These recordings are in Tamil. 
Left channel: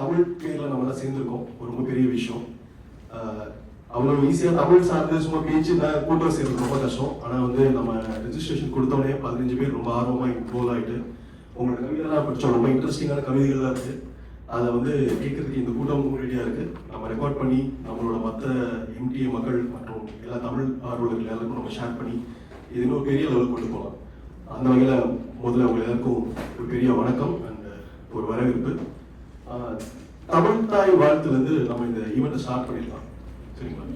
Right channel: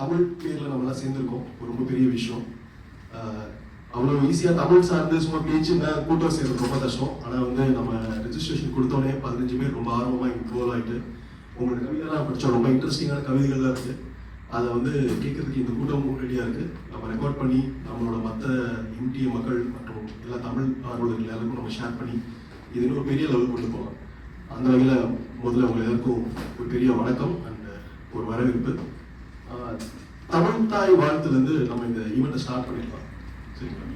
தமிழ் பேரில் நம்மளாம் சேர்ந்துருக்கோம். ஒரு ரொம்ப பெரிய விஷயம். அவ்வளோ ஈஸியாக தமிழ் சார்ந்து சும்மா பேச்சு கூட்டம் சேர்ந்து ரொம்ப கஷ்டம். ஆனால் வந்து நம்ம ரெஜிஸ்ட்ரேஷன் கொடுத்தோடனே 15 பேர் ரொம்ப ஆர்வமாக இன்வால்வ் ஆகிட்டு உங்களோட கவிதைலாம் படித்தோம். ரொம்ப இன்ட்ரெஸ்டிங்கான கவிதைகள்லாம் இருக்குது. அதை வந்து கேட்கறதுக்கு இந்த கூட்டம் ரெடியாக இருக்குது. நம்ம ரெக்கார்ட் பண்ணி நம்மளோட மற்ற எம்டிஏ மக்கள் மற்றும் எல்லா தமிழ் ஆர்வலர்கள் எல்லாருக்கும் நம்ம ஷேர் பண்ணி இது இன்னும் பெரிய லெவல் கொண்டு போகலாம். அந்த வகையில் முதல்ல அவங்க எல்லாருக்கும் ஒரு பெரிய வணக்கம் அண்ட் ஒரு வரவேற்பு. தமிழ் தாய் வாழ்த்துலேருந்து நம்ம இந்த ஈவெண்ட்டை ஸ்டார்ட் பண்ணிடலாம். சரிங்களா?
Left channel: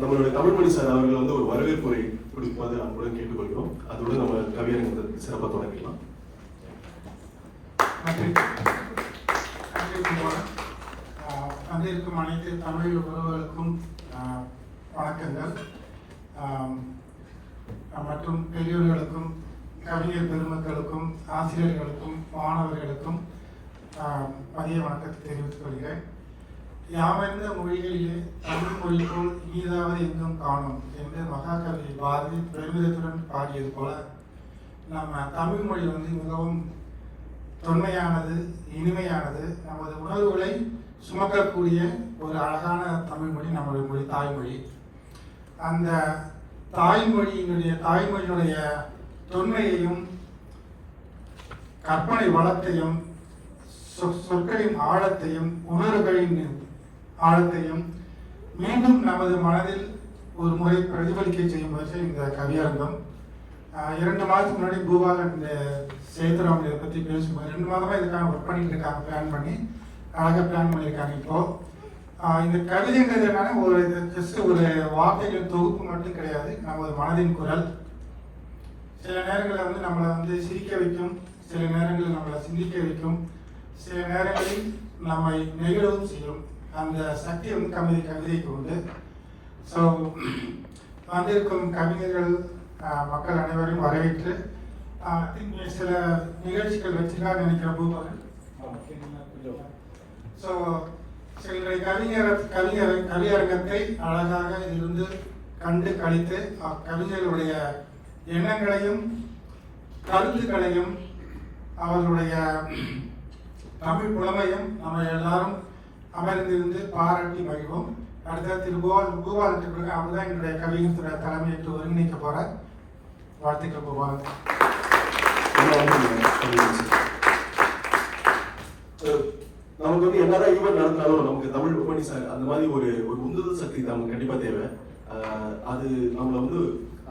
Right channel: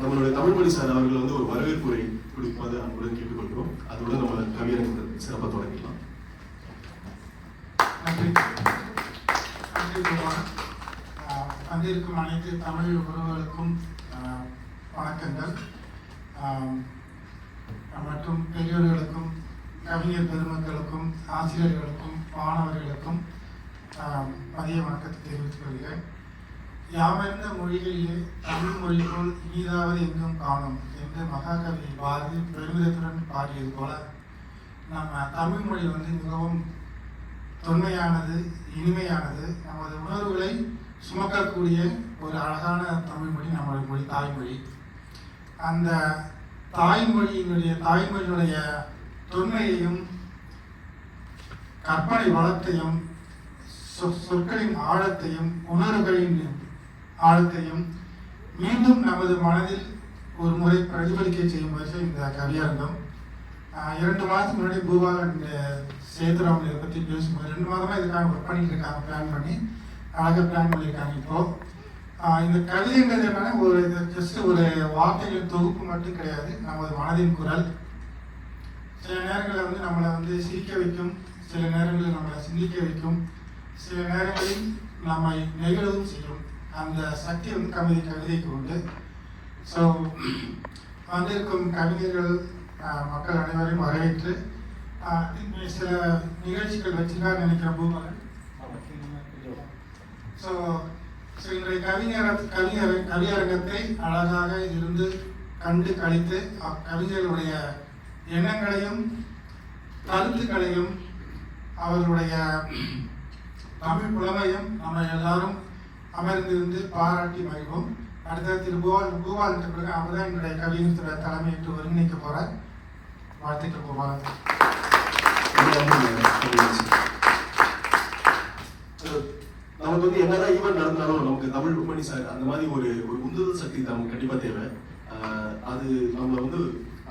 நம்மளுடைய தமிழ்மணி சார் அவர்கள் வந்து ஒரு வரவேற்புரை கொடுப்பது அன்புடன் கேட்டுக்கொள்கிறோம். அதோடு நம்ம கவியரங்கத்தை சிறப்பாக தொடங்கலாம். வந்திருக்கும் அனைத்து தமிழ் உறவுகளுக்கும் வணக்கங்கள். மற்றும் பெரியோர்களுக்கும் கவிஞர் பெருமக்களுக்கும் ஆசிரியர்களுக்கும் மாணவர்களுக்கும் மதிய வணக்கத்தை தெரிவித்துக் கொள்கிறேன். யாவர்ந்த மொழிகளிலே தமிழ் மொழி போல் இனிதாவது எங்கும் காணும் என்று மகாகவி பாரதி பெருமிதத்துடன் பாடியது போல நம்ம தமிழ் மொழி வந்து மிகவும் தொன்மையானது, இனிமையானது. நமது உணர்வுகளை சுமக்கக்கூடிய ஒரு அழகான தமிழ் மொழி நம்முடைய மொழி, தாய்மொழி. அந்த தாய்மொழியினுடைய தொன்மையையும் கற்பனை வளத்தையும் சொற்களின் ஆழத்தையும் உணர்வுகளின் ஆழத்தையும் மீண்டும் நமது மனதில் ஒரு முறை பிரதிபலிக்க செய்யும் முயற்சி இந்த கவியரங்கம். 2 மாதத்துக்கு முன்னாடி பூபாலன் சேதுராமன் இதை பற்றி பேசும்போது 2 மாதமாக இதுக்காக ஒர்க் பண்ணிட்டு இருக்காங்க. பிளான் பண்ணி அழகாக பிளான் பண்ணியிருக்காங்க. இப்போது இந்த கவிதைங்கிறது என்னன்னா இது ஜஸ்ட் ஒரு வார்த்தைகள் தொகுப்பு மட்டும் கிடையாது. நமது மனதின் குரல். சில நேரங்களில் வந்து நம்மளை வந்து சிரிக்க வைக்கும், சில நேரங்களில் நம்மளை சிந்திக்க வைக்கும், சில நேரங்களில் நம்மை நெகிழவும் செய்யும். அந்த சக்தி வந்து கவிதைக்கு உண்டு. ஸோ வந்திருக்கும் கவிஞர்கள் மக்கள் அனைவரையும் வரவேற்று சில நிகழ்ச்சிகள் வச்சுதான் நினைக்கிற பூபாலன். ஸோ இன்றைய கவியரங்கத்தை அழகாக இருந்து கண்டு கழித்து கவிஞர்களுடைய எண்ணங்களையும் கருத்துக்களையும் அவர்களுடைய தமிழ் புலமையும் நம்ம எல்லாரும் அமர்ந்திருந்து பாராட்டி மகிழ்வோம். அடுத்த பூபாலன் பிறகு அவர் தான் என்னுடைய கவிஞர் தலைமையேற்று ஒருங்கிணைக்க போறார். வாழ்த்துக்கள் பூபாலன். நமக்கு வந்து என்னதான் ஈவெண்ட் நடந்தாலும் நமக்கு தமிழ் மணி சார் அந்த மாதிரி ஒரு உந்துதல் சக்தி நமக்கு கண்டிப்பாக தேவை. அது நம்மளை வந்து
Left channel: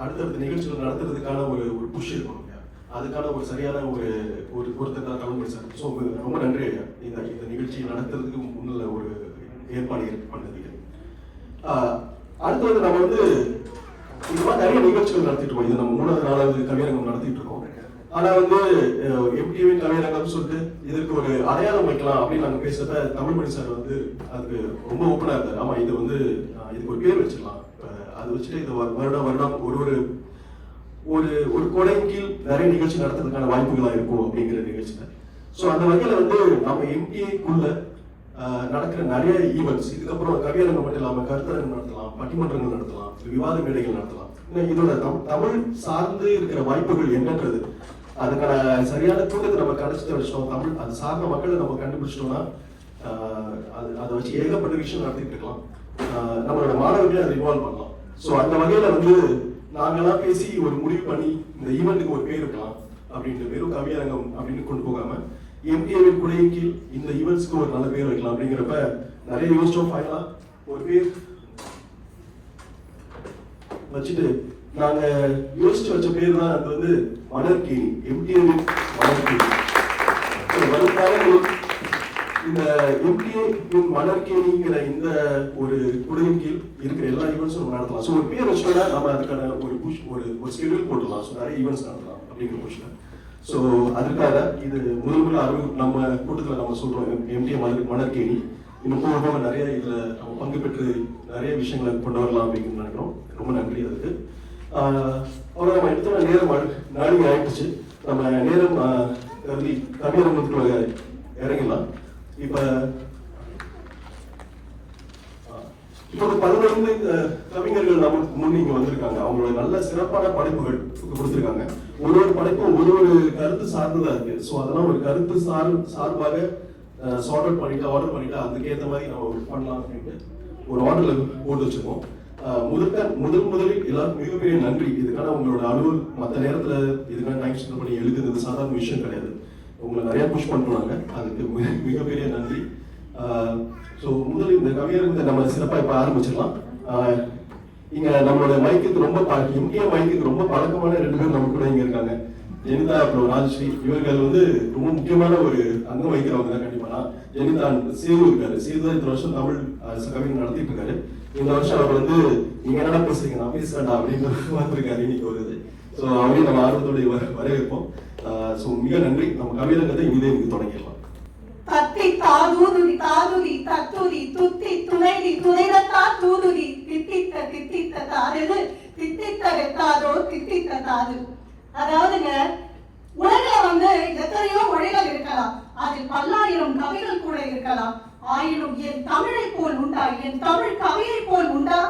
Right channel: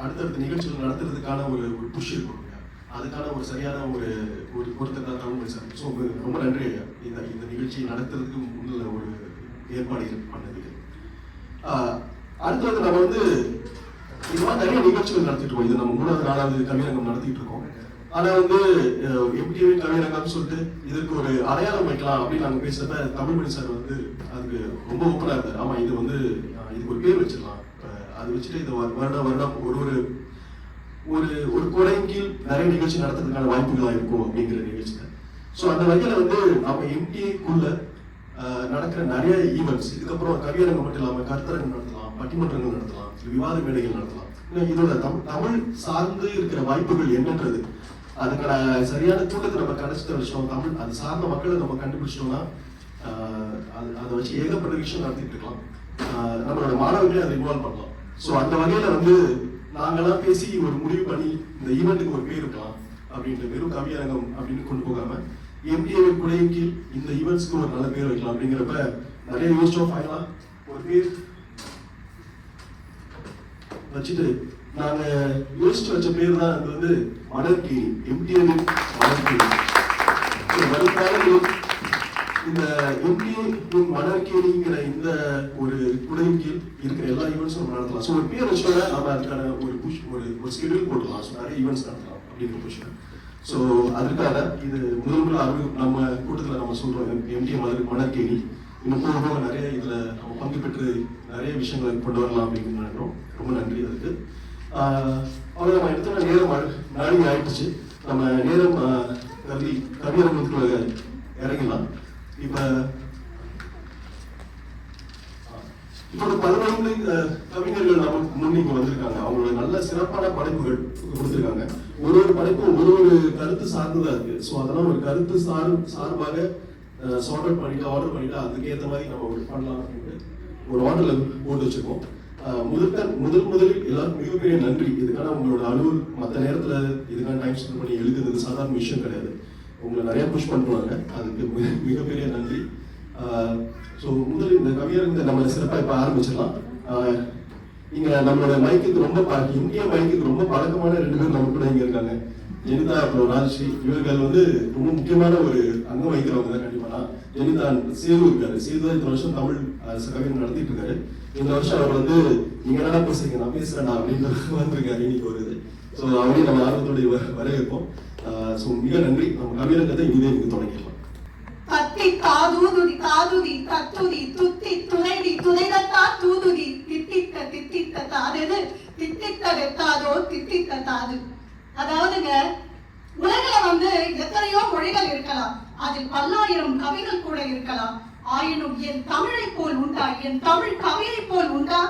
அடுத்தடுத்த நிகழ்ச்சிகள் நடத்துறதுக்கான ஒரு புஷ் இருக்கணும். அதுக்கான ஒரு சரியான ஒருத்தர் தான் தமிழ் மணி சார். ஸோ ரொம்ப நன்றி இந்த நிகழ்ச்சியை நடத்துறதுக்கு முன்னில் ஒரு ஏற்பாடு பண்ணதுக்கு. அடுத்து வந்து நம்ம வந்து இந்த மாதிரி நிறைய நிகழ்ச்சிகள் நடத்திட்டு இருக்கோம். இது நம்ம 3வது 4வது கவியரங்கம் நடத்திட்டு இருக்கோம். ஆனால் வந்து எம்டிஏவின் கவியரங்கம்னு சொல்லிட்டு இதற்கு ஒரு அடையாளம் வைக்கலாம் அப்படின்னு நாங்கள் பேசுறப்ப தமிழ்மணி சார் வந்து அதுக்கு ரொம்ப ஓப்பனாக இருந்தார். ஆமாம், இது வந்து இதுக்கு ஒரு பேர் வச்சிடலாம். அது வச்சுட்டு இது வருடம் ஒரு கொடையின் கீழ் நிறைய நிகழ்ச்சி நடத்துறதுக்கான வாய்ப்புகளாக இருக்கும் அப்படிங்கிற நிகழ்ச்சிகள். ஸோ அந்த வகையில் வந்து நம்ம எம்டிஏக்குள்ள நடக்கிற நிறைய ஈவெண்ட்ஸ், இதுக்கப்புறம் கவியரங்கம் மட்டும் இல்லாமல் கருத்தரங்கம் நடத்தலாம், பட்டிமன்றங்கள் நடத்தலாம், விவாத மேடைகள் நடத்தலாம். இதோட தமிழ் சார்ந்து இருக்கிற வாய்ப்புகள் என்னன்றது அதுக்கான சரியான தூக்கத்தை நம்ம கணிச்சு வச்சிட்டோம். தமிழ் அது சார்ந்த மக்களை நம்ம கண்டுபிடிச்சிட்டோம்னா அதை வச்சு ஏகப்பட்ட விஷயம் நடத்திட்டு இருக்கலாம். நம்மளோட மாணவர்களே அதை இன்வால்வ் பண்ணலாம். ஸோ அந்த வகையில் வந்து நாங்களாம் பேசி ஒரு முடிவு பண்ணி இந்த ஈவெண்ட்டுக்கு ஒரு பேர் இருக்கலாம் அப்படின்ட்டு வெறும் கவியரங்கம் அப்படின்னு கொண்டு போகாம எம்டிஏவின் குடையின் கீழ் இந்த ஈவெண்ட்ஸ்க்கு ஒரு நல்ல பேர் வைக்கலாம் அப்படிங்கிறப்ப நிறைய யோசிச்சோம். ஃபைனலாக ஒரு பேர் வச்சுட்டு நாங்க யோசிச்சு வச்ச பேர் தான் அது வந்து மலர்கேணி, எம்டிஏவின் மலர்கேணி. இந்த எம்டிஏவின் மலர்கேணிங்கிற இந்த ஒரு குடையின் கீழ் இருக்கிற எல்லா ஈவெண்ட்ஸும் நம்ம நடத்தலாம். ஸோ ஒரு பேர் வச்சோம்னா நம்ம அதுக்கான ஒரு புஷ் ஒரு ஸ்கெடியூல் போட்டுடலாம். ஸோ நிறைய ஈவெண்ட்ஸ் நடத்தலாம் அப்படிங்கிற புஷ்ல. ஸோ அதுக்காக இது முதல் நம்ம கூட்டத்தில் நம்ம சொல்றோம் எம்டிஏ மலர்கேணி. இன்னும் போக நிறைய இதுல நம்ம பங்கு பெற்று நிறைய விஷயங்களை கொண்டு வரலாம் அப்படின்னு நினைக்கிறோம். ரொம்ப நன்றி அதுக்கு. அவ்வளோ நம்ம எடுத்த நேரம் நாளைக்கு ஆயிடுச்சு. நம்ம நேரம் கருதி கவியரங்கத்துக்கு இறங்கலாம். இப்போ ஒரு 15 கவிஞர்கள் நம்ம முன் இங்க வந்திருக்காங்க. அவங்களோட நல்ல சிறப்பான படைப்புகள் கொடுத்திருக்காங்க. ஒரு படைப்பும் ஒரு கருத்து சார்ந்ததா இருக்கு. ஸோ அதெல்லாம் ஒரு கருத்து சார்பாக ஆர்டர் பண்ணிட்டு அதுக்கேற்ற மாதிரி நம்ம பண்ணலாம் அப்படின்ட்டு ஒரு ஆர்டர்ல போட்டு வச்சிருக்கோம். முதலில் எல்லாருக்கும் மிகப்பெரிய நன்றி. இதுக்கான உங்களோட அலுவல் மற்ற நேரத்துல இதுக்கான டைம் ஸ்பெண்ட் பண்ணி எழுதுறது சாதாரண விஷயம் கிடையாது. உங்களை நிறைய புஷ் பண்ணுவாங்க, அதுக்கு மிகப்பெரிய நன்றி. ஸோ முதலில் இந்த கவியரங்கத்தை நம்ம சிறப்பாக இப்போ ஆரம்பிச்சிடலாம். இங்க நம்மளோட மைக்குக்கு இந்திய மைக்குக்கு ரொம்ப பழக்கமான 2 பேர் நம்ம கூட இங்க இருக்காங்க. ஜெனிதா அப்புறம் ராஜஸ்ரீ. இவர்கள் வந்து ரொம்ப முக்கியமான ஒரு அங்கம் வகிக்கிறவங்க தான். கண்டிப்பா ஜெனிதா சேது இருக்காரு. சேது தான் இந்த வருஷம் தமிழ் கவிஞர் நடத்திட்டு இருக்காரு. இந்த வருஷம் அவர் வந்து நீங்க என்ன பேசுறீங்க, நான் பேசுறேன்டா அப்படின்னு வந்திருக்காரு இன்னைக்கு ஒரு இது. ஸோ அவரையும் நம்ம ஆர்வத்தோட வரவேற்போம். ஸோ மிக நன்றி. நம்ம கவியரங்கத்தை இங்கே இன்னைக்கு தொடங்கிடலாம். தத்தி தாதூதுதி தாதுதி தத்துதி துத்தி துணைதி துணைதத்தா தூதுதி தித்தித்த தித்தித்த தாதது தித்தித்த ரெத்தாதோ தித்தித்த தாது. அதாவதுங்க, உலகில வந்து எத்தனையோ மொழிகள் இருக்கலாம், அதில் 10,000 கவிகள் கூட இருக்கலாம். ஆயினும் என் தமிழை போல் உண்டா, என் தமிழ் கவியை போல் உண்டா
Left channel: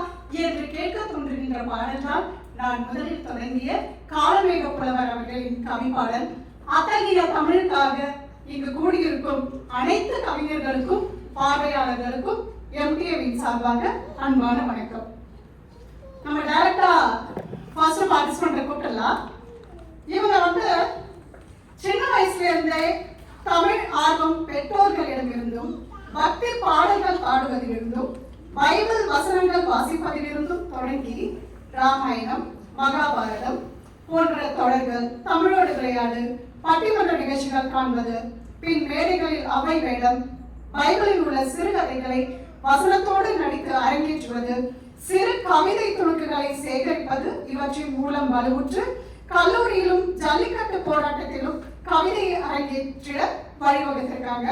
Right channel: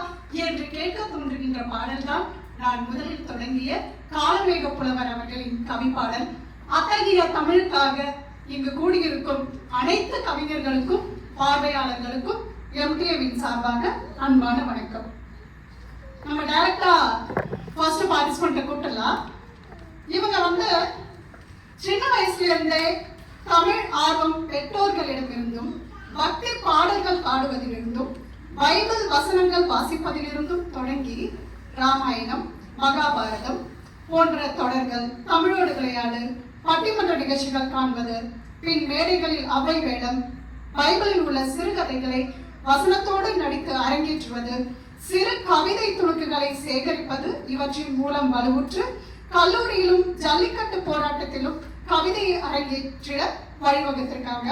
என்று கேட்க தோன்றுகின்ற பாடல் தான் நான் முதலில் தொடங்கிய காலமேக புலவர் அவர்களின் கவி பாடல். அத்தகைய தமிழுக்காக இங்கு கூடியிருக்கும் அனைத்து கவிஞர்களுக்கும் பார்வையாளர்களுக்கும் எம்டிஏவின் சார்பாக அன்பான வணக்கம். நம்ம டைரக்டா ஃபர்ஸ்ட் பார்ட்டிசிபென்ட் கூப்பிடலாம். இவங்க வந்து சின்ன வயசுல இருந்தே தமிழ் ஆர்வம் பெற்றோர்களிடமிருந்தும் பக்தி பாடல்கள் பாடுவதிலிருந்தும் பைபிள் வசனங்கள் வாசிப்பதிலிருந்தும் தொடங்கி ராமாயணம், மகாபாரதம் போன்ற தொடர்கள், தமிழோடு விளையாடு, பட்டிமன்ற நிகழ்ச்சிகள் காண்பது, பின் மேடைகளில் அவை வேடம், பைபிளில் உள்ள சிறுகதைகளை வசனத்தோடு நடித்து அரங்கேற்றுவது, சிறு கவிதை துணுக்குகளை சேகரிப்பது இவற்றின் மூலம் வலுவுற்று கல்லூரியிலும் ஜல்லிக்கட்டு போராட்டத்திலும் கவிதையை அரங்கேற்றிட வழிவகுத்திருக்காங்க.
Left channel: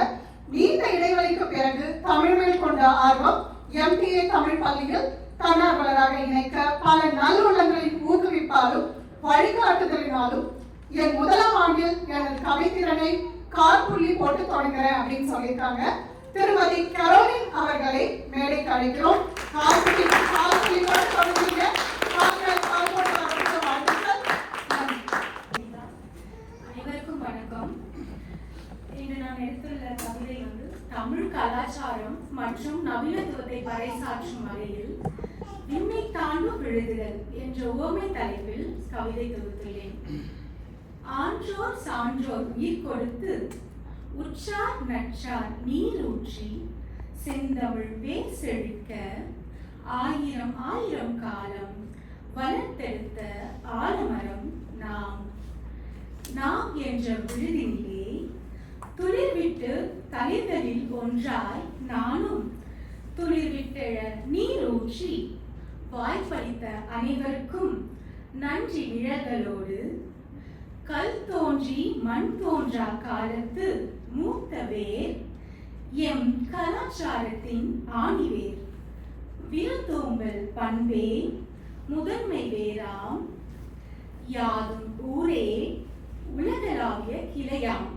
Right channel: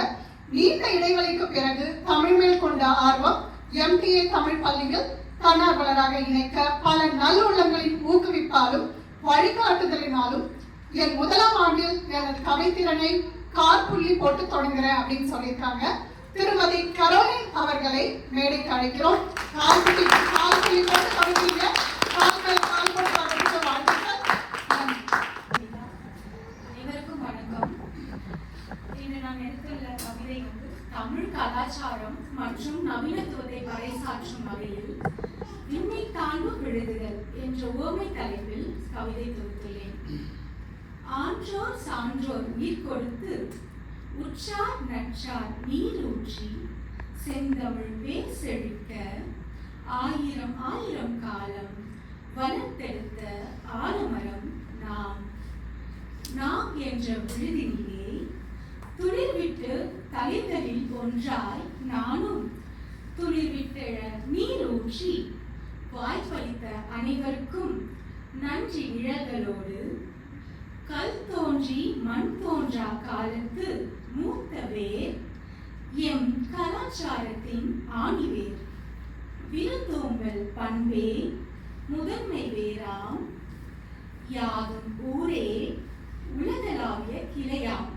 நீண்ட இடைவெளிக்கு பிறகு தமிழ் மேல் கொண்ட ஆர்வம் எம்டிஏ தமிழ் பள்ளியில் தன்னார்வலராக இணைக்க பல நல்லுள்ளங்களின் ஊக்குவிப்பாலும் வழிகாட்டுதலினாலும் என் முதலாம் ஆண்டில் எனது கவித்திறனை காற்புள்ளி போட்டு தொடங்குறேன் அப்படின்னு சொல்லியிருக்காங்க. திருமதி கரோலின் அவர்களை மேடைக்கு அழைக்கிறோம். காற்புள்ளி போட்டு தொடங்குங்க. அனைவருக்கும் வணக்கம். இன்று நான் எடுத்துள்ள கவிதை வந்து தமிழ் கலாச்சாரம் மற்றும் நவீனத்துவத்தை பறைசாற்றும் வகையில் விண்ணை தாழ்வு விழுதுகள் என்ற உவமை தலைப்பில் கவிதை தொகுத்துள்ளேன். ஆன்றோர் சான்றோர் உயிர் கொடுத்து உற்றார் நற்றார் நீர் ஊற்றி செந்தமிழ் வேர் செழிக்க ஆயிரம் ஆயிரம் காலம் வளர்த்தெடுத்த ஆலமரம் நாம் என்ற விழுதினிலே துளிர்விட்டு தலைகளில் ஒன்றாய் நானும் துளிர்விட்டெழ நீர் ஊற்றி வாய்ப்பளித்த அனைவருக்கும் நன்றி நிழல்களோடு கல் தோன்றி மண் தோன்றா காலத்து மூத்த வேர் எம் கலாச்சாரத்தின் ஆணிவேர் விருந்தோம்பல் பண்பே முதன்மை வேறாம் யாதும் ஊரே உலகளாவிய கிளையாம்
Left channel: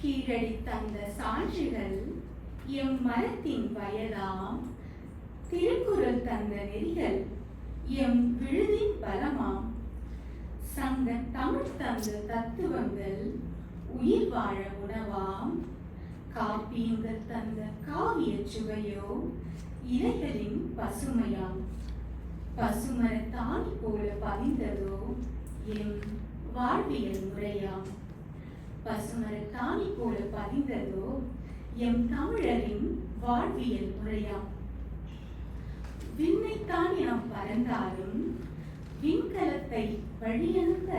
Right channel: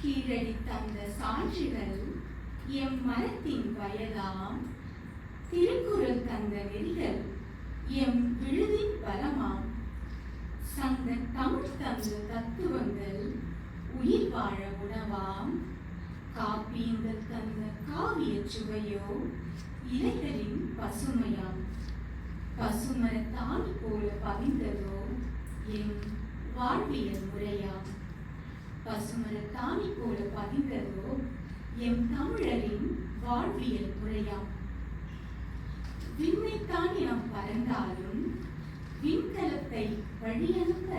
கீழடி தந்த சான்றுகள் எம் மரத்தின் வயதாம் திருக்குறள் தந்த நெறிகள் எம் விழுதின் பலமாம் சங்க தமிழ் தந்த தத்துவங்கள் உயிர் வாழ உணவாம் காப்பியங்கள் தந்த காவிய சுவையோ இலைகளின் பசுமையாம் பசுமரத்தான் போல பவிந்ததோ எம் வாழ்வியல் முறையாம் பசுமரத்தாணி போல பதிந்ததோ எம் தமிழரின் வாழ்வியல் முறையாம். விண்ணைத்தாண்டி நாம் பறந்தாலும் விண்கலத்தை வழியனுப்ப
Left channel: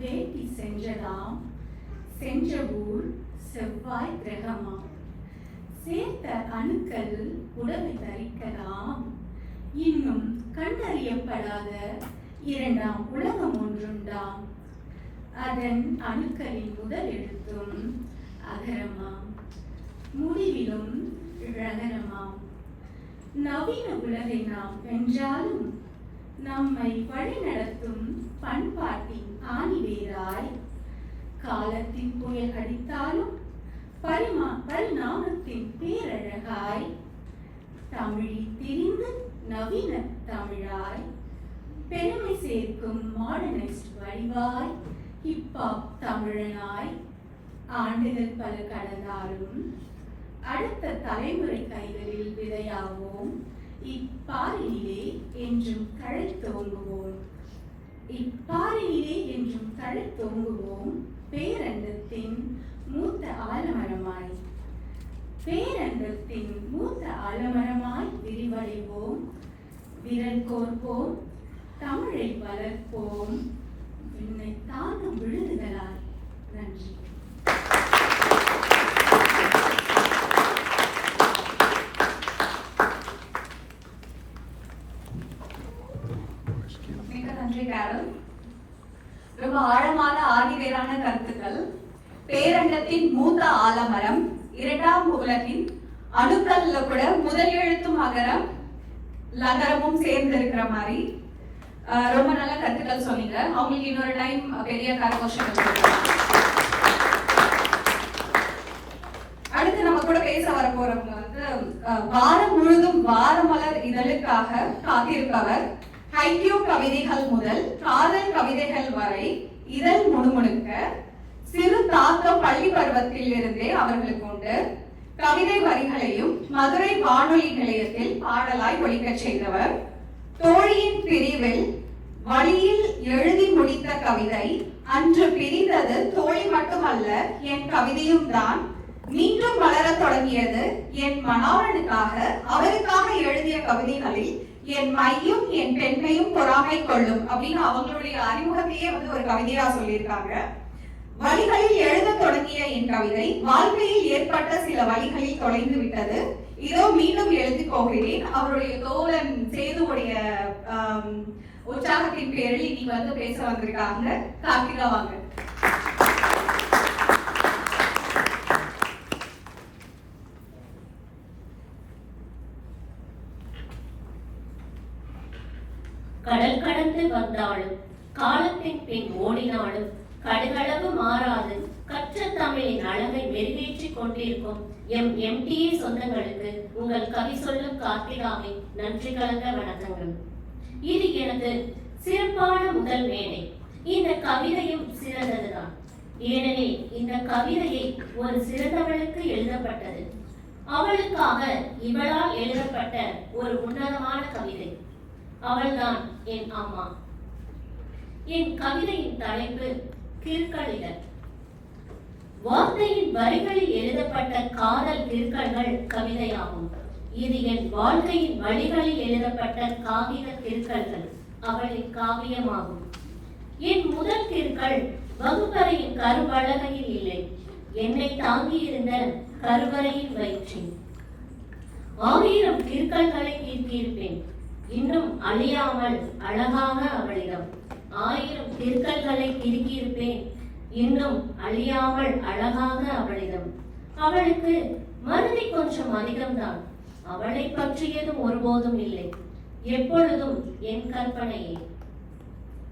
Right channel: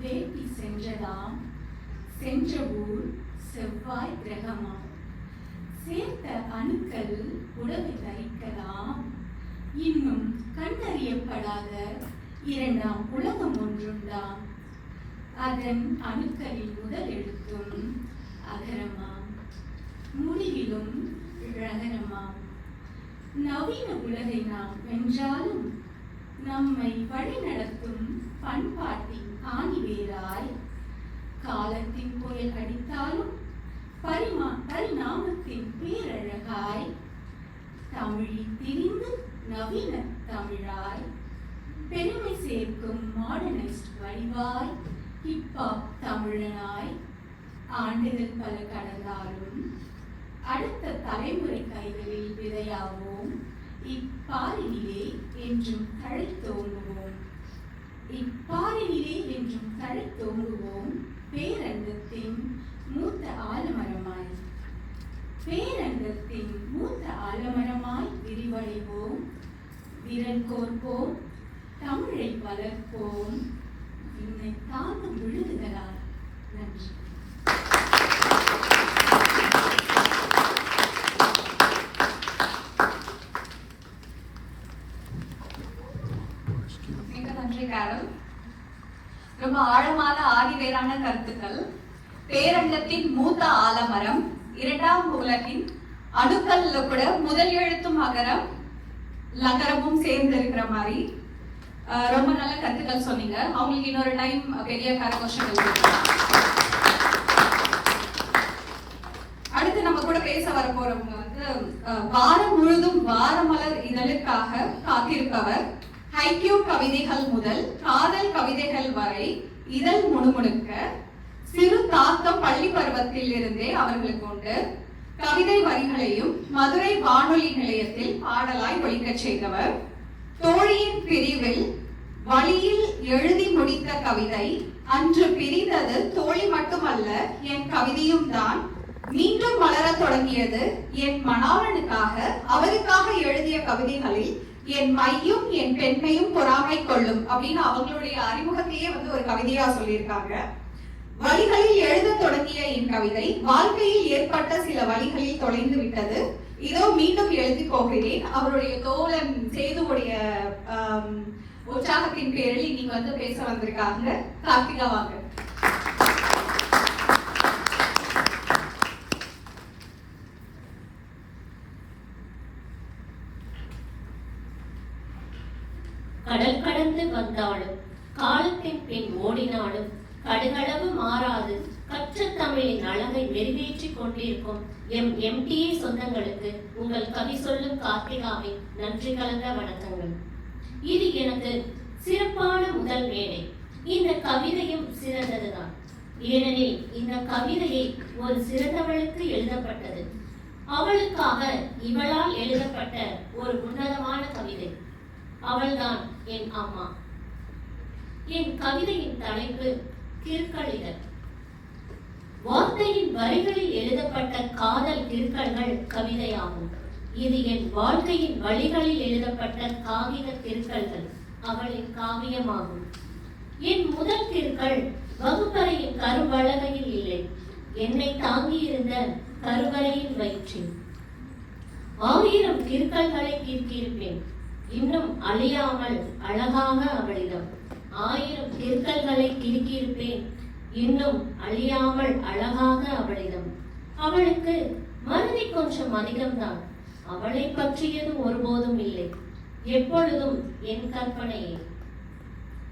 வேட்டி சென்றதாம். சென்ற ஊர் செவ்வாய் கிரகமாம். சேர்த்த அணுக்கள் உடலை தரிக்கலாம். இன்னும் கண்டறியப்படாத இரண்டாம் உலகம் ஒன்றுண்டாம். அதன் அணுக்களின் முதல் எழுத்தும் அகரமாம். முடிவிலும் ழகரமாம். நவீன உலகை நாம் வென்றாலும் நம்மை வழிநடத்தும் பண்பாட்டின் ஆணிவேராய், காலத்தின் புயல் அடித்தாலும் பரிணாமத்தின் பேரழகாய், தமிழில் திரிந்து நவீன தமிழாய், பெருமை சேர்க்கும் மாடர்னைஸ்ட் வடிவாய், ஹிப்ஹாப் தமிழனாய், ஆண்டுகள் பல கடந்தாலும் அடுத்த தலைமுறை கைகளில் விதையாவோம். இப்பாறையிலே என்றும் தழைத்தோங்குவோம். இப்பாறையிலே என்றும் தழைத்தோங்குவோம். பேரண்டத்தின் மூத்த ஆலமரமாய், பேரண்டத்தின் மூத்த ஆலமரமாய் விரிவடைவோம். விரல் கோர்ப்போம், தமிழை வளர்ப்போம். விண்ணை தாங்கும் விழுதுகளாய். நன்றி. ரொம்ப ஆழமான ஆணிவேரான கருத்துக்கள். பேரண்டத்தின் மூத்த ஆலமரம், இரண்டாம் உலகின் அணுக்கல்ல கூட முதல் எழுத்தும் அகரம் லகரமும் சேர்ந்து இருக்கிற மாதிரி ரொம்ப நல்ல கருத்துக்கள் சொன்னீங்க. அவங்களுக்கு இன்னொரு டைம் பெரிய கரகோஷம். அடுத்து நம்ம கூட பேச வர போறவங்க வந்து வாரம் முழுதும் வாரமலர் இதழுக்காக காத்திருப்பவர். ஹைக்யூ கவிதைகள் முதல் காதல் கவிதைகள் வரை இதழ் முணுமுணுக்க சிறு தாக்கம் பள்ளி பருவத்தில் இருந்தே அவர்களுக்கு உண்டு. கவிதை வரிகளையும் மதுரை வானொலி நிலையத்தில் பாடலாய் ஒலிக்கச் செய்தவர். தோழியின் பிரிவில் வழியில் எழுதி முடித்த கவிதை அன்று பிரிந்தது தோழி மட்டுமல்ல என் கவிதையும் தான். மீண்டும் வளர தொடங்கியது என் மணாளனுக்காக. அவருக்காக எழுதிய கவிதைகளில் என் மையும் என் பெண்மையும் பொறாமை கொள்ளும் அப்படின்னு அவங்களுடைய அறிமுகத்தையே வந்து ஒரு கவிதையா சொல்லியிருக்காங்க. வழிகளில் எழுத தொடங்கிய என் கவிதை வாழ்க்கையில் ஏற்பட்ட சில வழிகளில் தொலைந்து விட்டது. இதோ மீண்டும் எழுதி போகிறேன். அவருடைய தோழன் சேதுவுடைய உற்சாகத்தின் பேரில் நீ வந்து பேச வந்திருக்காங்க. கார்த்திகா வாங்க. கடல் கடந்து வந்தாலும் காலத்தின் பின் ஓடினாலும் கடுகளவு மாறாது கற்ற தமிழின் அழகை மெருகேற்றிக் கொண்டிருக்கும் எம்டிஏ சொந்தங்களுக்கு உங்கள் கவி சொல்லும் கார்த்திகாவின் நன்றி கலந்த வணக்கங்கள். இது எனது சிறப்பான முதல் மேடை. இந்த கவிதையும் சிறந்ததுதான். ஏனெனில் இந்த கவிதையை ஒரு சிறந்தவளுக்கு எழுதப்பட்டது. அவளுக்காக இவளால் எழுதப்பட்ட ஒரு உன்னதமான கவிதை. அவள்தான் என் அம்மா. என் கவிதையின் தலைப்பு கிறுக்கலிடல். வார்த்தையின் வரிகளில் எழுதப்பட்ட காதல் கிறுக்கல்கள் கவிதையாகும். இது என் வாழ்க்கையின் வழிகளில் எழுதப்பட்ட காவிய கிறுக்கல்கள் அவளின் காவியமாகும். என் முதல் கிறுக்கல் வகுப்பறையின் கருவளகையில் இல்லை, என்னை தாங்கியிருந்த கருவறையின் வயிற்றில். 1000 கிறுக்கல்களை தீர்த்திருப்பேன், இன்னும் அழியாமல் அழகாக அவளிடம். 1000 கிறுக்கல்களை தீர்த்திருப்பேன், இன்னும் அழியாமல் அழகாக அவளிடம். அவளுக்கு மருதி கொஞ்சம் அதிகம்தான். அவளை பற்றியதும் ஒருபோதும் இல்லை, எப்பொழுதும் என் கற்பனையே.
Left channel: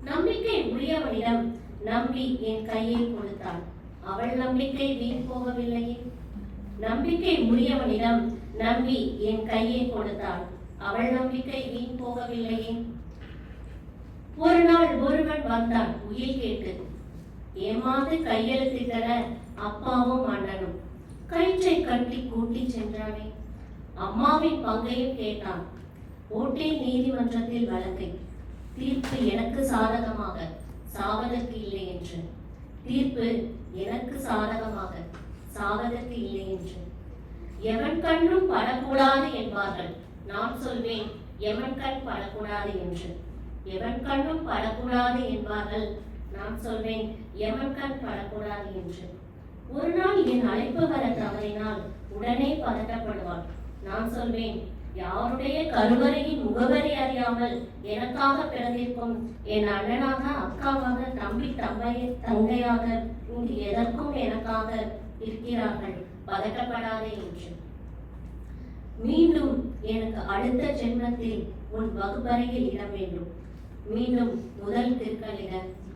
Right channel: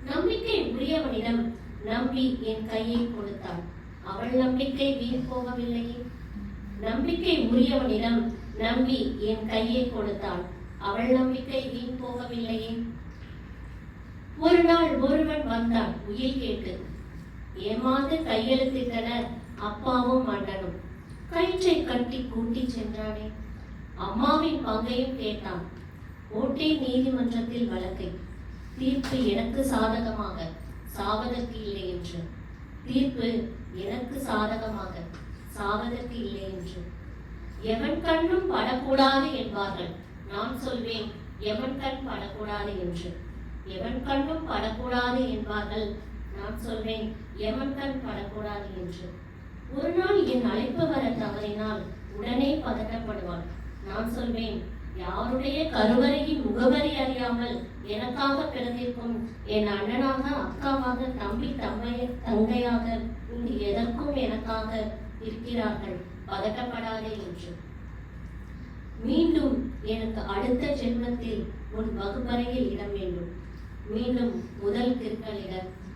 நம்பிக்கை உரியவனிடம் நம்பி என் கையை கொடுத்தாள். அவள் நம்பிக்கை வீண் போகவில்லையே. நம்பிக்கை உரியவனிடம் நம்பி என் கையை கொடுத்தாள். அவள் நம்பிக்கை வீண் போகவில்லையே. ஒரு நாள் ஒருவன் வந்தான் உயிர் கேட்டு. ஏமாந்து கையெழுத்திட்டனர் அப்பாவும் அண்ணனும். கயிற்றை கட்டி கூட்டி சென்றானே. அம்மாவின் பங்கையும் கேட்டான். ஓட்டேன் நீதிமன்றத்தில் வழக்கை. தீர்ப்பு எனக்கு சாதகமாக, சாவதற்கு இல்லை என்று. தீர்ப்பு எனக்கு சாதகமாக, சாவதற்கு இல்லை என்று. எவன் கண்ணும் படக்கூடாது என்பார்கள். நான் சொல்வேன் எவன் கண் படக்கூடாது என்று. எவன் கண்ணும் படக்கூடாது என்பார்கள், நான் சொல்வேன் எவன் கண் படக்கூடாது என்று. ஒரு நாள் என் அழைப்பு வர தவறினால் உடனே பதட்டப்படுவாள். நான் சொல்வேன் யாருடைய கருவறையின் முகவரி அறியாமல் எனக்காக பிறந்திருக்கும் என் அண்ணனாக, அக்காவாக, தம்பி தங்கையாக இங்கு எதற்கும் எனக்காக இருக்கிறார்கள், பதட்டப்படாதே என்று. மீண்டும் எனக்கு அடுத்த ஜென்மத்தில் உன் வகுப்பறையில் இடம் வேண்டும். மீண்டும் முதல் திருக்கணித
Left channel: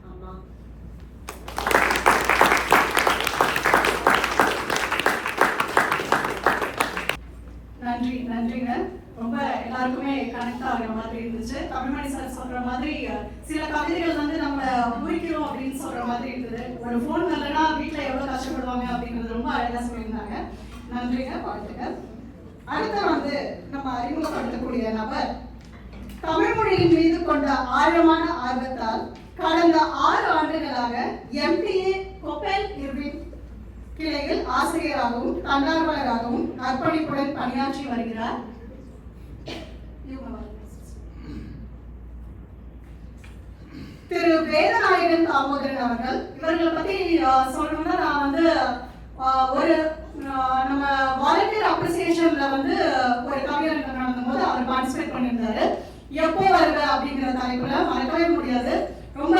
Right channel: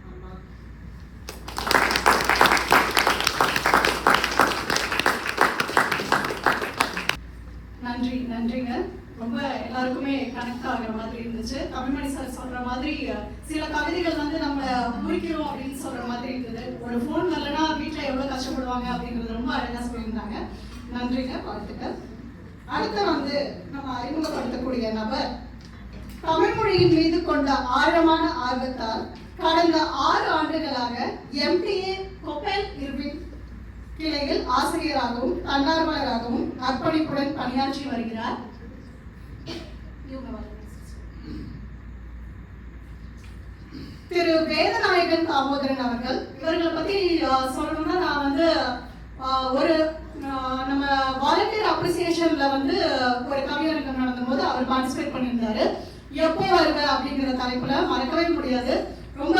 அம்மா. நன்றிங்க. ரொம்ப எல்லாருக்குமே கனெக்ட் ஆகிற மாதிரி இருந்துச்சு. தமிழ்மணி சார் சொல்ற மாதிரி சில கவிதைகள் வந்து நம்ம முடிக்கிறோம் அப்படின்னு சொல்ற மாதிரி இருக்குது. ஒரு ஃபோன் வரலன்னா வீட்டில் எவ்வளோ கஷ்டப்படுவாங்க அப்படிங்கிறது ரொம்ப அழகாக சொல்லியிருந்தாங்க. நன்றிங்க, வாழ்த்துக்கள். அடுத்த வந்து நம்ம அறிமுகப்படுத்தக்கூடிய நபர் தமிழ் மொழியின் மீது கொண்ட ஆழமான ஆர்வத்தால் கடந்த 6 ஆண்டுகளாக MTA கொப்பெல் இர்வின் கிளையில் ஆசிரியராகவும் தன்னார்வலராகவும் அர்ப்பணிப்புடன் பணியாற்றி வருகிறார். திரு வேதநாயகன் தாமோதரன் அவர்கள். இவர்களை பத்தி சொல்லணும்னா நான் வந்து ஒரு நம்ம வாலண்டியர் அப்ரிசியேஷன்ல வந்து ஒரு கவியரங்கம் நடந்தும் போது அவர் பார்ட்டிசிபேட் பண்ணியிருந்தாரு. எப்போ வருவ அப்படிங்கிற தலைப்புல மறக்கவே முடியாது. ரொம்ப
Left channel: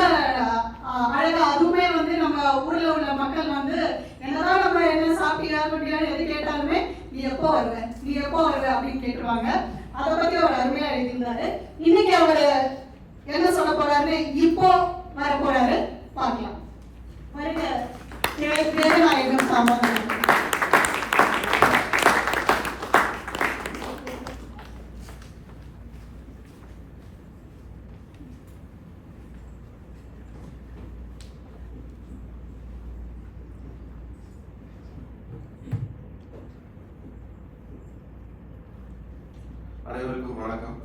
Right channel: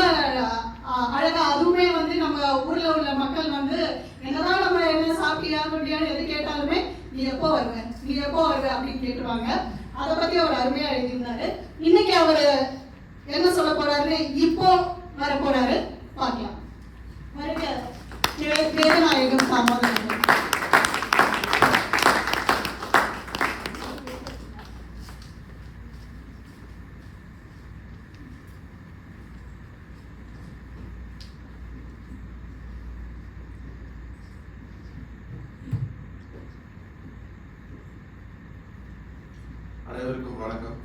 அழகா, அதுவுமே வந்து நம்ம ஊர்ல உள்ள மக்கள் வந்து என்னதான் நம்ம என்ன சாப்பிட்டியா குட்டியான்னு எது கேட்டாலுமே நீ எப்போ வருவ அப்படின்னு கேட்டுருவாங்க. அதை பத்தி அவர் அருமையா எழுதியிருந்தாரு. இன்னைக்கு அவர் என்ன சொல்ல போறாருன்னு இப்போ வர போறாரு, பார்க்கலாம். வருக வேதநாயகன் தாமோதரன். அனைவருக்கும் வணக்கம்.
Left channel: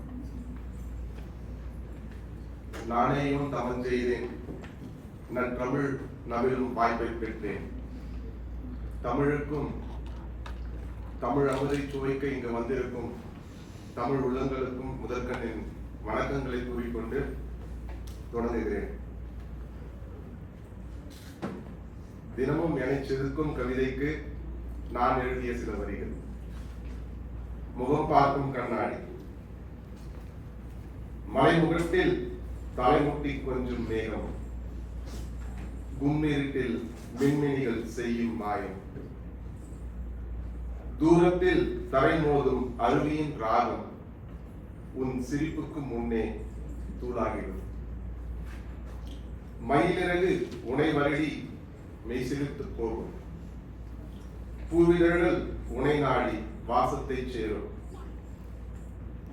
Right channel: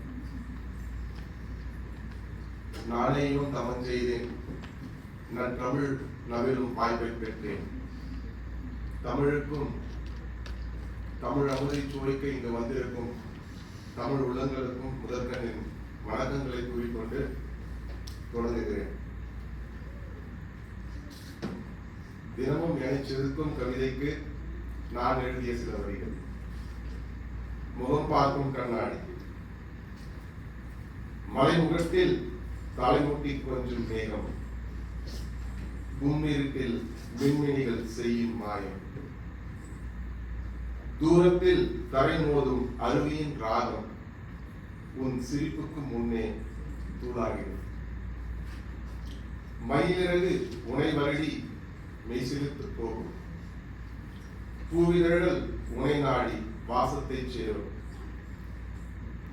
நானேயும் தவம் செய்தேன், நற்றமிழ் நவிலும் வாய்ப்பை பெற்றேன். தமிழுக்கும் தமிழ் அமுதை சுவைக்க இங்கு வந்திருக்கும் தமிழ் உள்ளங்களுக்கும் முதற்கண்ணின் வணக்கங்களை கூறிக்கொண்டு தொடங்குகிறேன். தினமும் என்னை செதுக்கும் கவிதைக்கு நான் எழுதிய சில வரிகள். முகம் பார்க்கும் கண்ணாடி. மலைமுகத்தில் தலைமுட்டி கொஞ்சம் மேகம், கும்மிருட்டில் மின்மினிகள் செய்யும் மாயம், தூரத்தில் தரை மோதும் அருவியின் ராகம் உன் சிரிப்புக்கு முன்னே தூளாகிறது. மயிலிறகு உனை வருடி மெய்சிலித்து போகும், பூவிதழ்கள் உனை நாடி வாசத்தை சேரும்,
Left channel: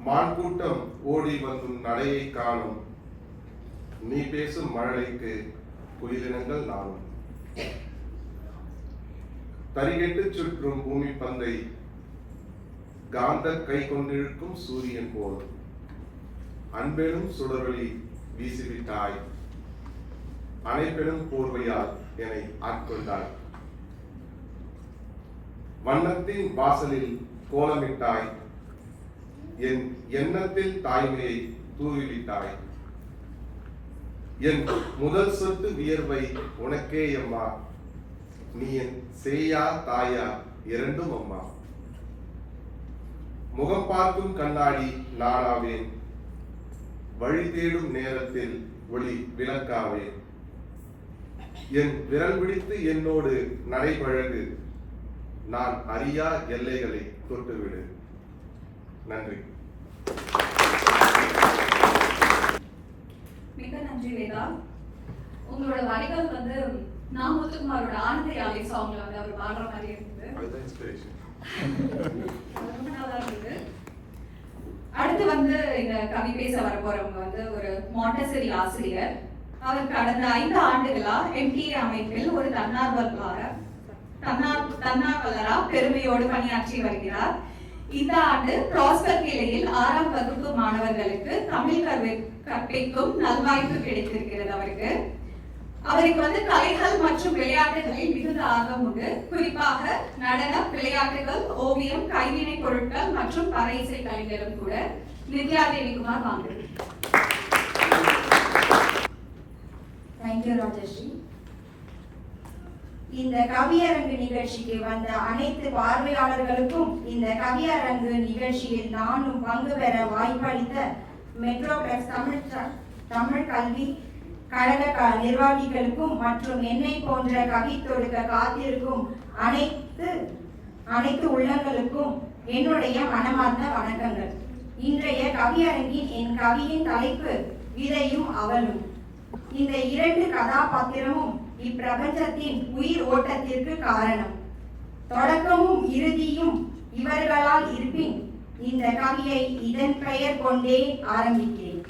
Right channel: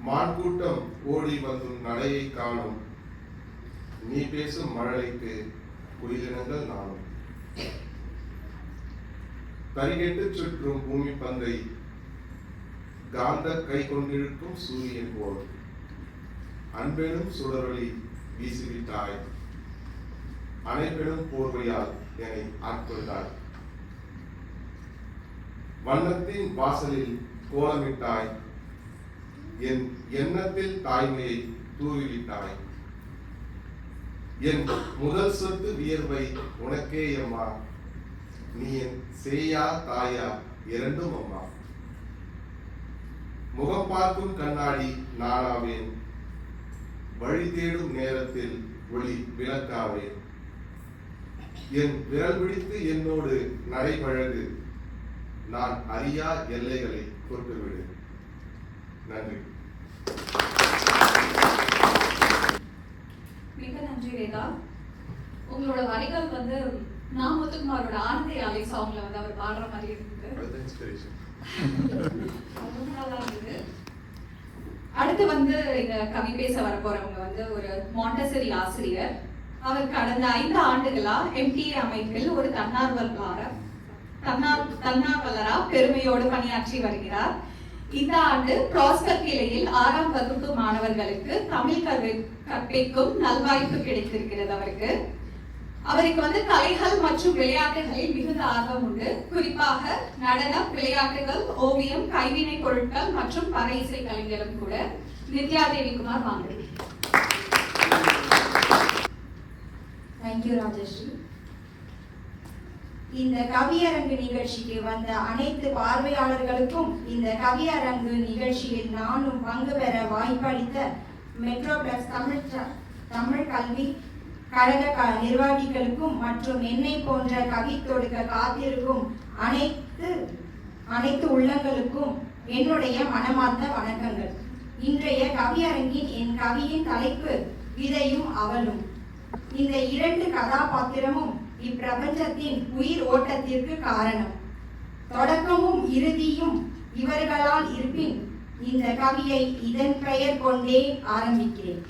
மான் கூட்டம் ஓடி வந்தும் நடையை காணும், நீ பேசும் மழலைக்கு குயிலினங்கள் நானும். தரிகெட்டு சுற்றும் பூமி பந்தை காந்த கை கொண்டிருக்கும் சூரியன் போல் அன்பெனும் சுடரொளி வீசிவிட்டாய், அனைப்பெனும் போர்வையால் என்னை ஆட்கொண்டாய். வண்ணத்தின் வாசலில் கோலமிட்டாய், என் எண்ணத்தில் தாய்மையை தூவிலிட்டாய். என் முதல் சொத்து வியர்வை உனக்கே அம்மா, நீ என் சேயா தாயா இரண்டும் அம்மா. முகம் பார்க்கும் கண்ணாடி நானாவேன், வழி தேடும் நேரத்தில் ஒளி விளக்காவேன். என் விரல் பிடித்து என்னோடு நடைபழகு, நான் அறியா எல்லைகளை தொட்டுவிடு. நன்றி. மிக நன்றி வேதா. உங்களோட வரிகள் வந்து நான் முத்துக்குமாரோட ஆனந்தி யாழை சாங்ல வந்து அவர் பாடுற மாதிரி இருந்தது. அடுத்து வந்து இந்த கவி பேச வர போறவங்க வந்து ஒரு மாண்டசரி ஆசிரியர். அவர் கடந்த 5 ஆண்டுகளா MTA அமைப்பில் ஒரு தன்னார்வலரா பெருமையோடு பணியாற்றி வருகிறார். இந்த ஆண்டு ப்ராஸ்பர் கிளையில் 6ஆம் வகுப்பு மாணவர்களுக்கு தமிழ் கற்பிக்கும் நல்வாய்ப்பு கிடைத்திருக்கிறது அவருக்கு. அவருக்கு வந்து கலைகள் மற்றும் விளையாட்டுகளில் மிகுந்த ஆர்வம் உண்டு. குறிப்பாக நடனம், விளையாட்டுகள், ஓவியம், கைவினை பொருட்கள் மற்றும் பறை இசை கலைஞரும் கூட. நித்யா தேவிகுமார் வாங்க. தேங்க்யூ ராஜஸ்ரீ. இந்த கவியரங்கு நிகழ்ச்சிக்கு வந்த அனைத்து பார்வையாளர்களுக்கும் இந்த கவியரங்கு நிகழ்ச்சியில் நானும் பங்கு பெற வாய்ப்பளித்த மெட்ரோபிளஸ் தமிழ் கல்வி கழக நிர்வாகிகளுக்கும் மற்றும் என்னை போன்ற கவி தொடுக்க காத்திருக்கும் அனைத்து உள்ளங்களுக்கும் என்னுடைய மனமார்ந்த வணக்கங்கள். இன்றைய கவியரங்கின் என் கவியின் தலைப்பு விதையும் அவளும். இந்த இரண்டு கதாபாத்திரமும் இப்பிரபஞ்சத்தின் உயிர் ஓட்டத்திற்கு காரணம். தொடக்கமும் இறுதியும் இவர்களால் இருப்பின் இந்த கவியை இதன் பெயர் கொண்டே ஆரம்பிக்கிறேன்.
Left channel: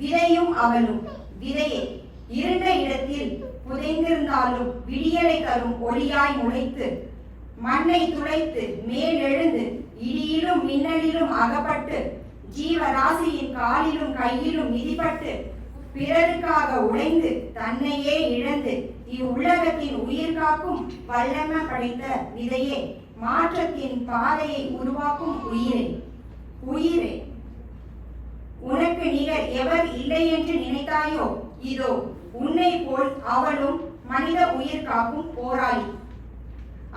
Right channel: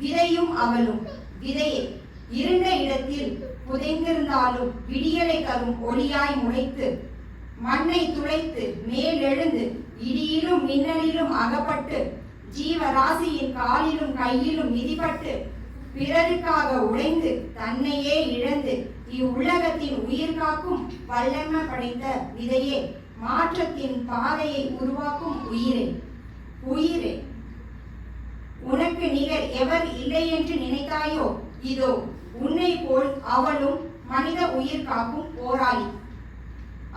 விதையும் அவளும். விதையே இருண்ட இடத்தில் புதைந்திருந்தாலும் விடியலை தரும் ஒளியாய் முளைத்து மண்ணை துளைத்து மேலெழுந்து இடியிலும் மின்னலிலும் அகப்பட்டு ஜீவராசியின் காலிலும் கையிலும் மிதிப்பட்டு பிறருக்காக உடைந்து தன்னையே இழந்து இவ்வுலகத்தின் உயிர் காக்கும் வல்லமை படைத்த விதையே, மாற்றத்தின் பாதையை உருவாக்கும் உயிரே. உயிரே, உனக்கு நிகர் எவர் இல்லை என்று நினைத்தாயோ, இதோ உன்னை போல் அவளும் மனித உயிர் காக்கும் போராளி.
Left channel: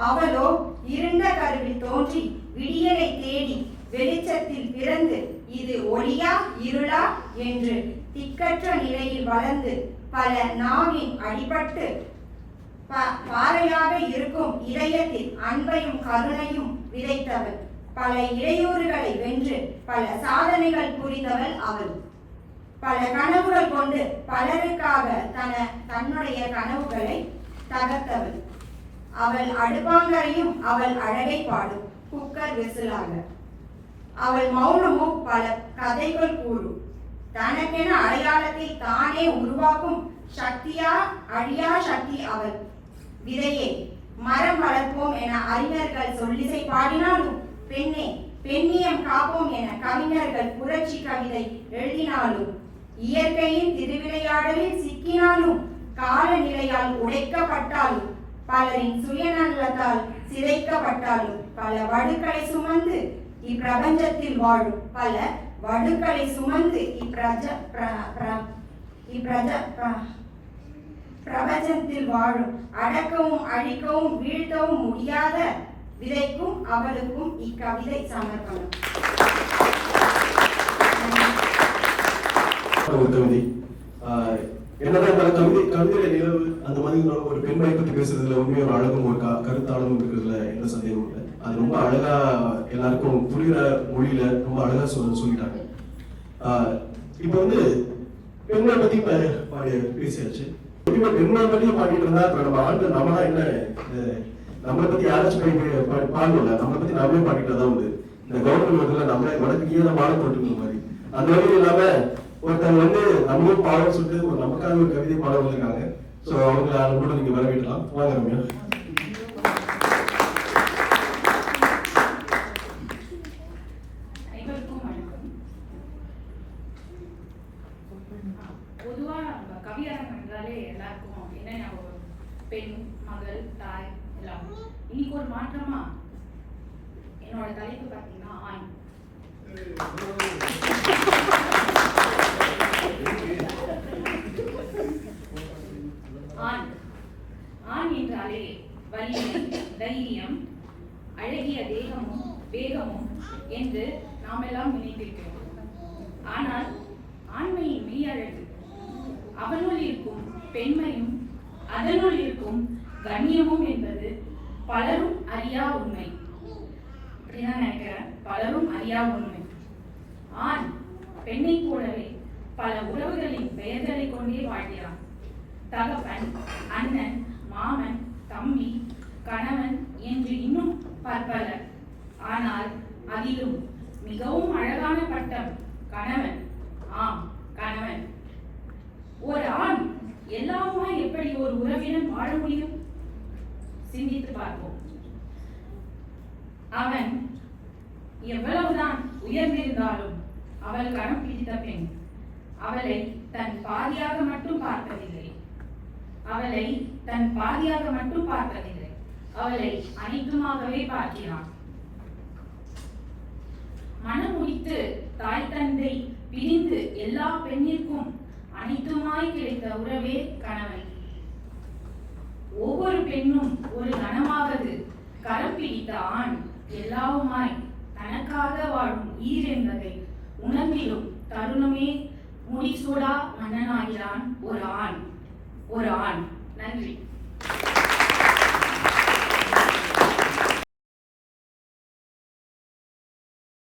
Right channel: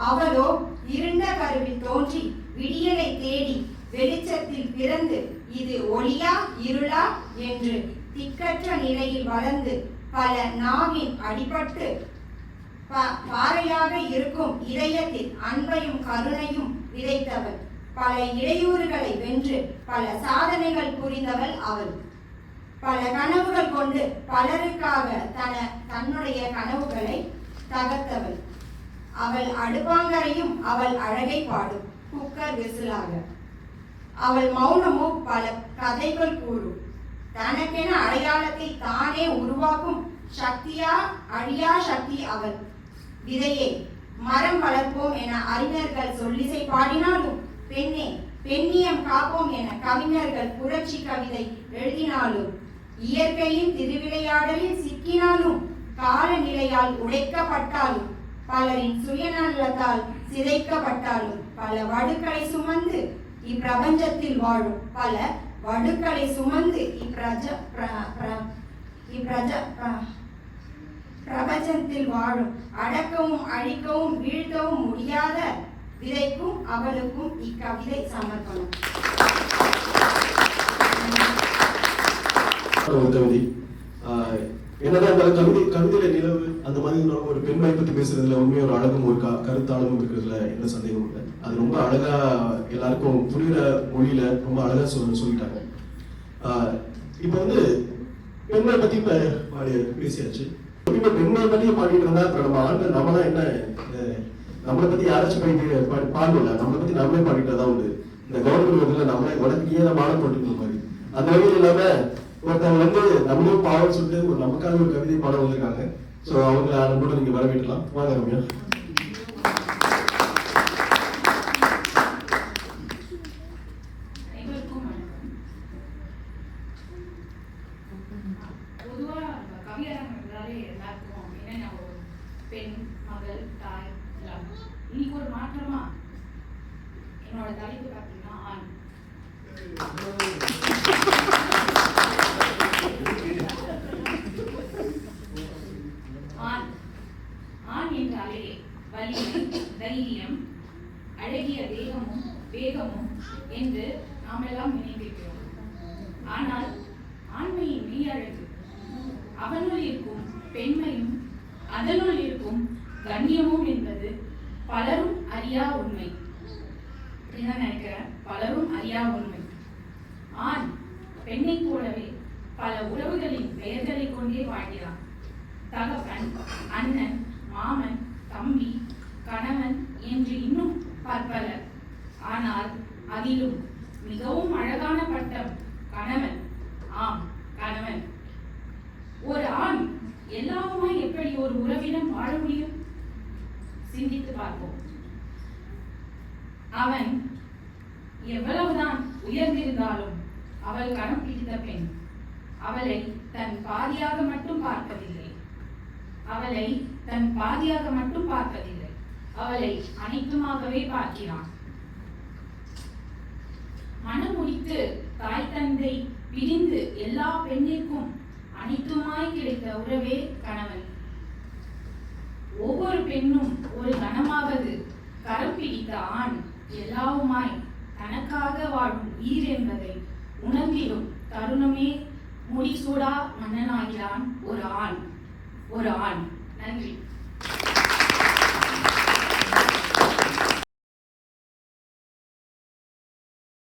அவளோ இருண்ட கருவில் தோன்றி விடியலை தேடி வெளிச்சத்தில் பிறந்து இது ஒளியா இருளா என்று திக்கற்ற நிலையில் வளர்ந்து பல நாவின் அடிபட்டு பாறையாக இருக்கும் இதயத்தில் அன்பையும் கருணையும் விதைத்தவள். பல இடையூறுகளை வென்று பல சாதனைகள் புரிந்தவள் அவள். பல கனவுகள் கொண்டு பலருக்காக தன்னுடைய கனவுகளை தகர்த்தவள். அவள் அடுப்பாங்கரையும் அவள் அழகை பாடும் குக்கர் விசிலாக. அவள் மௌனமும் பல கதைகள் கூறும். தனக்கென அடையாளத்தை தானே உருவாக்கும் சக்தியா அழியா சக்தி அவள். விதையே, மரம் வளர்ப்போம் என அறிஞர்கள் சொல்லிசை பாடினாலும், பெண்ணே பெண்ணியம் காப்போம் என கவிஞர்கள் புரட்சி கவிதை எழுதினாலும், இயற்கையின் திருவிளையாடலில் சிக்கினாலும், காலநிலையால் உடைக்கப்பட்டாலும், பலரின் சுயநலத்தால் சிதைக்கப்பட்டாலும், பல வடுக்களை சுமந்து இப்பிரபஞ்சத்தில் வாழும் பல வடுக்களை சுமந்து பிரபஞ்சத்தில் வாழும் அடக்கவும் அழிக்கவும் வீழ்த்தவும் முடியாத விதைக்கும் அவளுக்கும் இக்கவிதை சமர்ப்பணம். ஒரு கவிதை என்னதான் கவிதையில நிலவு அந்த மாதிரி ஒரு பெண்மை பத்தி பேசுறதுல உண்மையா ஒரு அழகும் ஒரு கருத்தாளமும் இருக்கிறதுல எந்த சந்தேகமும் இல்லை. அது ரொம்ப அழகா எல்லாருக்கும் புரியுற மொழியில ரொம்ப அழகா சொல்லிட்டாங்க. இப்ப வந்து பெண்களை பத்தி பேசியாச்சு. பெண்களை பத்தியும் பாடிட்டு இருந்தா இப்ப நம்ம ஆண்கள் நம்ம தான் என்ன நம்மளை பத்தி யாராச்சும் பாடல, நம்மளை பத்தி நம்மளே பாடிட்டு தான் உண்டு. இந்த கவர்மெண்ட் வந்து நம்மளே வடக்கு கீழே மாலை போட்டுக்கிற மாதிரி அந்த வகையில் இல்லாம ஒருத்தவங்க வந்து நம்மளும் பாடம் சொல்லிட்டு ஒரு நமக்காக ஒரு கவிதை பாடம் வந்திருக்காங்க. ஸோ அவங்க கூட நீங்க வரவேற்கலாம். வாங்க ரம்யா. அனைவருக்கும் வணக்கம். பொதுவா கவியரங்கம் என்றாலே எல்லாருக்கும் என்ன ஞாபகம்? பெண், மகள், தாய் எல்லாம். இன்னைக்கு ஒரு மாற்றமா என்னோட தலைப்பு பார்த்தீங்கன்னா ஆண். ஆண் என்றாலே வலிமை, தைரியம், அழகிய தேகமும் வேகமும் என்று நாமெல்லாம் நினைத்திருக்கிறோம். ஆனால் ஆண்மையின் மெய்யழகு, அவனுள் இருக்கும் பெண்மையும் அதனுள் இருக்கும் கண்ணியமும் என்பது பலரும் அறியா உண்மை. அப்படிதான் நினைக்கிறேன், பலரும் அறியா உண்மை. ஆண் பெண்ணை போலவே பல உறவுகளின் பெயர்களை கொண்டே வாழ்கிறான். தகப்பன், அண்ணன், மாமன், தம்பி, கணவன் என்று இன்னும் பற்பல. ஆனால் அதிலும் மிகவும் அழகான பட்டம் கணவன். ஆம், கணவன். ஒரு ஆண் எல்லாருமாய் எப்படி ஒரு உறவிடம் வாழ முடியும்? சிந்தித்து பார்ப்போம். அவன் எவ்வளவுதான் உயர்ந்திருந்தாலும் அவள் கணம் பிடித்த பெண். அவளை தன் பாதியாக மட்டும் பார்ப்பதில்லை. அவளை தன் பாதியாக மட்டும் பார்ப்பதில்லை. அவளை அனைத்துமாகவே பார்க்கிறான். மனம் முடித்து தாய் தந்தை பிரிந்து எல்லா பெண்ணிற்கும் அனைத்துமாய் கிடைத்த உறவே கணவன். ஒவ்வொரு பெண்ணும் ஒரு கணமாவது கரம் பிடித்த ஆண் எல்லாவுமாய் தனக்காக வாழும் ஈர் என்பதை உணர்ந்திடும் தருணமே முடிசூடா மன்னனாகிறான் ஒரு ஆண். நன்றி.